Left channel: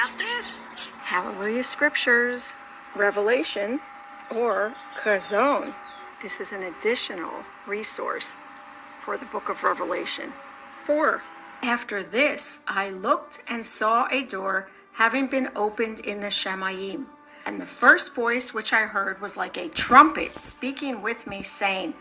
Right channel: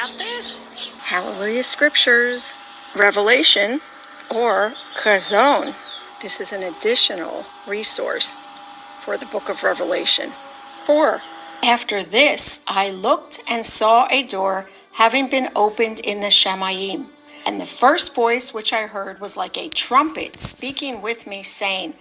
about this? Hallelujah Scriptures, Revelation, or Chazon. This is an additional resource for the book of Revelation. 4. After this, I looked and saw a door having been opened in the Shamayim. And the first voice which I heard was like a trumpet speaking with me, saying,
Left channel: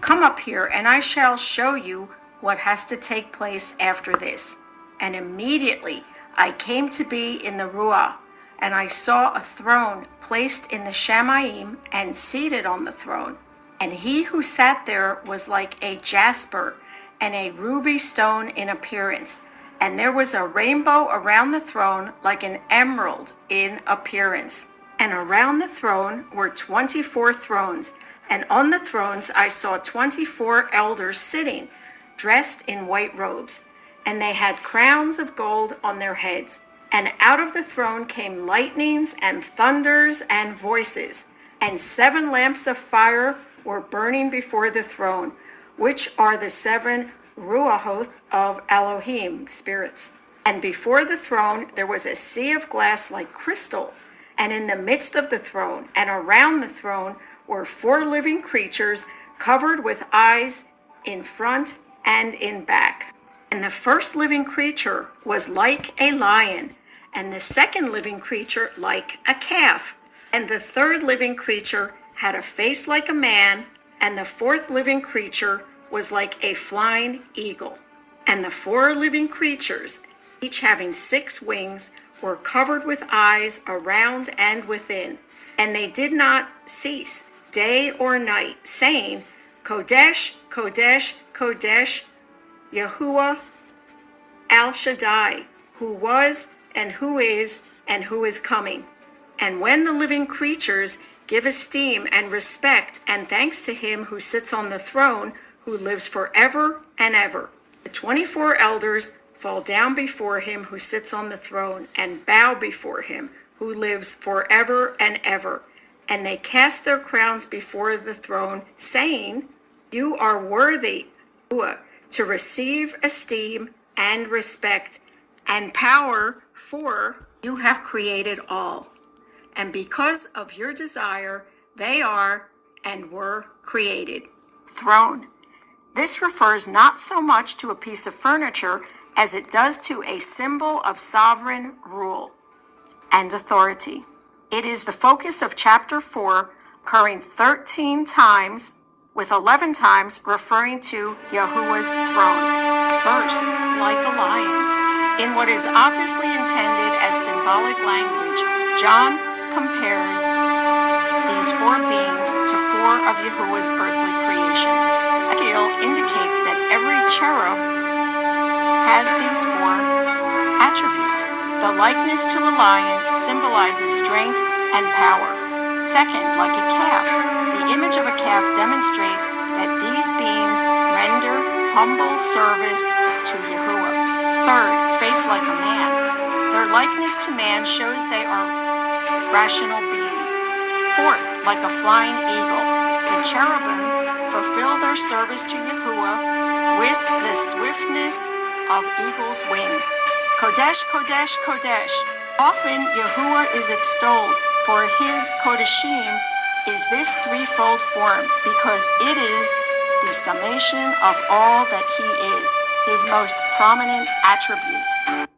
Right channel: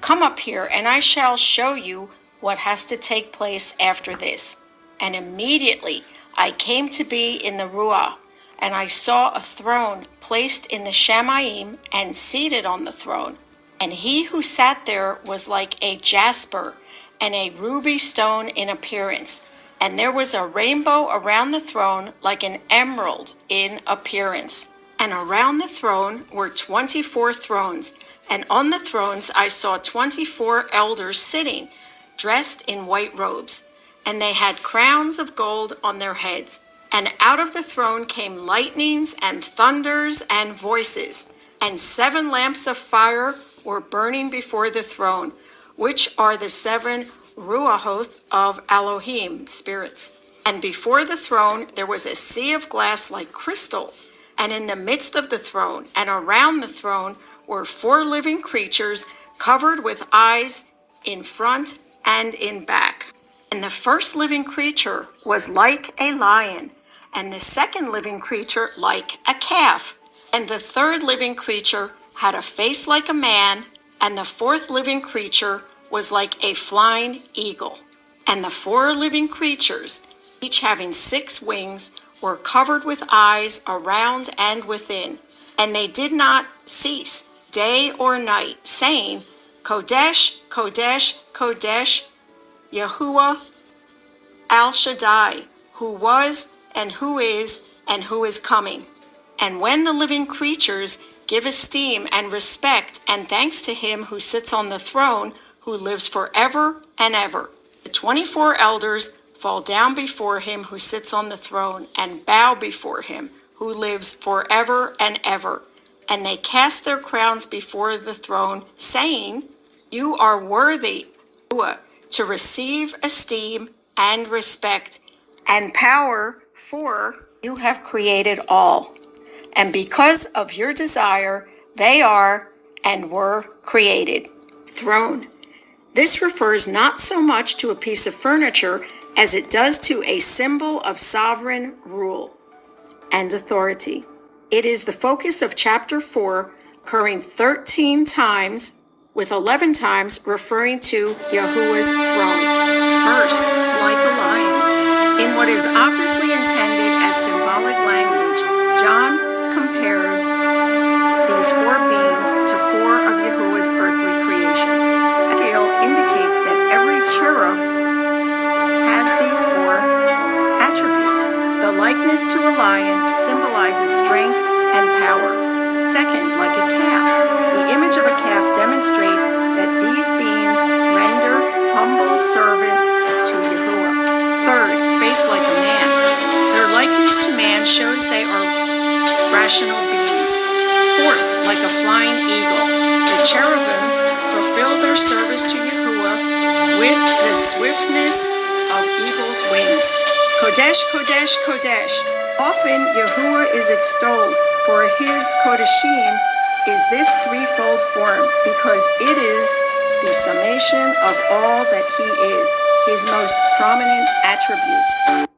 Come up here, and I shall show you what has to take place after this. And immediately I came to be in the Ruah, and I saw a throne placed in the Shamayim, and seated on the throne. And he who sat there was like a jasper and a ruby stone in appearance. And there was a rainbow around the throne like an emerald in appearance. And around the throne were 24 thrones, and on the thrones I saw 24 elders sitting, dressed in white robes, and they had crowns of gold on their heads. And out of the throne came lightnings and thunders and voices, and 7 lamps of fire were burning before the throne, which are the 7 Ruahoth of Elohim, spirits. And before the throne there was a sea of glass like crystal, and in the midst of the throne and around the throne were 4 living creatures covered with eyes in front and in back. And the first living creature was like a lion, and the second living creature like a calf, and the third living creature had a face like a man, and the fourth living creature was like a flying eagle. And the 4 living creatures, each having 6 wings, were covered with eyes around and within, and they did not cease day or night, saying, Kodesh, Kodesh, Kodesh, Yahuwah Al Shaddai, who was and who is coming. And when the living creatures give esteem and respect and thanks to him who sits on the throne, who lives forever and ever, the 24 elders fall down before him who sits on the throne and bow before him who lives forever and ever. And they cast their crowns before the throne, saying, You are worthy to receive esteem and respect and power, for you have created all. And because of your desire, they are and were created. Throne. This refers not so much to a piece of furniture as it does to a symbol of sovereign rule and authority. It is the focus of chapter 4, occurring 13 times, with 11 times referring to Yahuwah's throne. First, like a lion. In what is obviously intended as symbolic language, John compares these 4 beings to 4 of Yahuwah's earthly creations. Ezekiel indicates that every cherub has these 4 attributes. The likeness to a lion symbolizes strength and power. Second, like a calf. The image of a calf demonstrates that these beings render humble service to Yahuwah. Third, face like a man. Their likeness to man shows they are rational beings. Fourth, like a flying eagle. The cherubim fulfill their service to Yahuwah with the swiftness of eagle's wings. Kodesh, Kodesh, Kodesh. Often Yahuwah is extolled, for his Kodeshim is this threefold form, because it is the summation of all that he is, his most prominent attribute.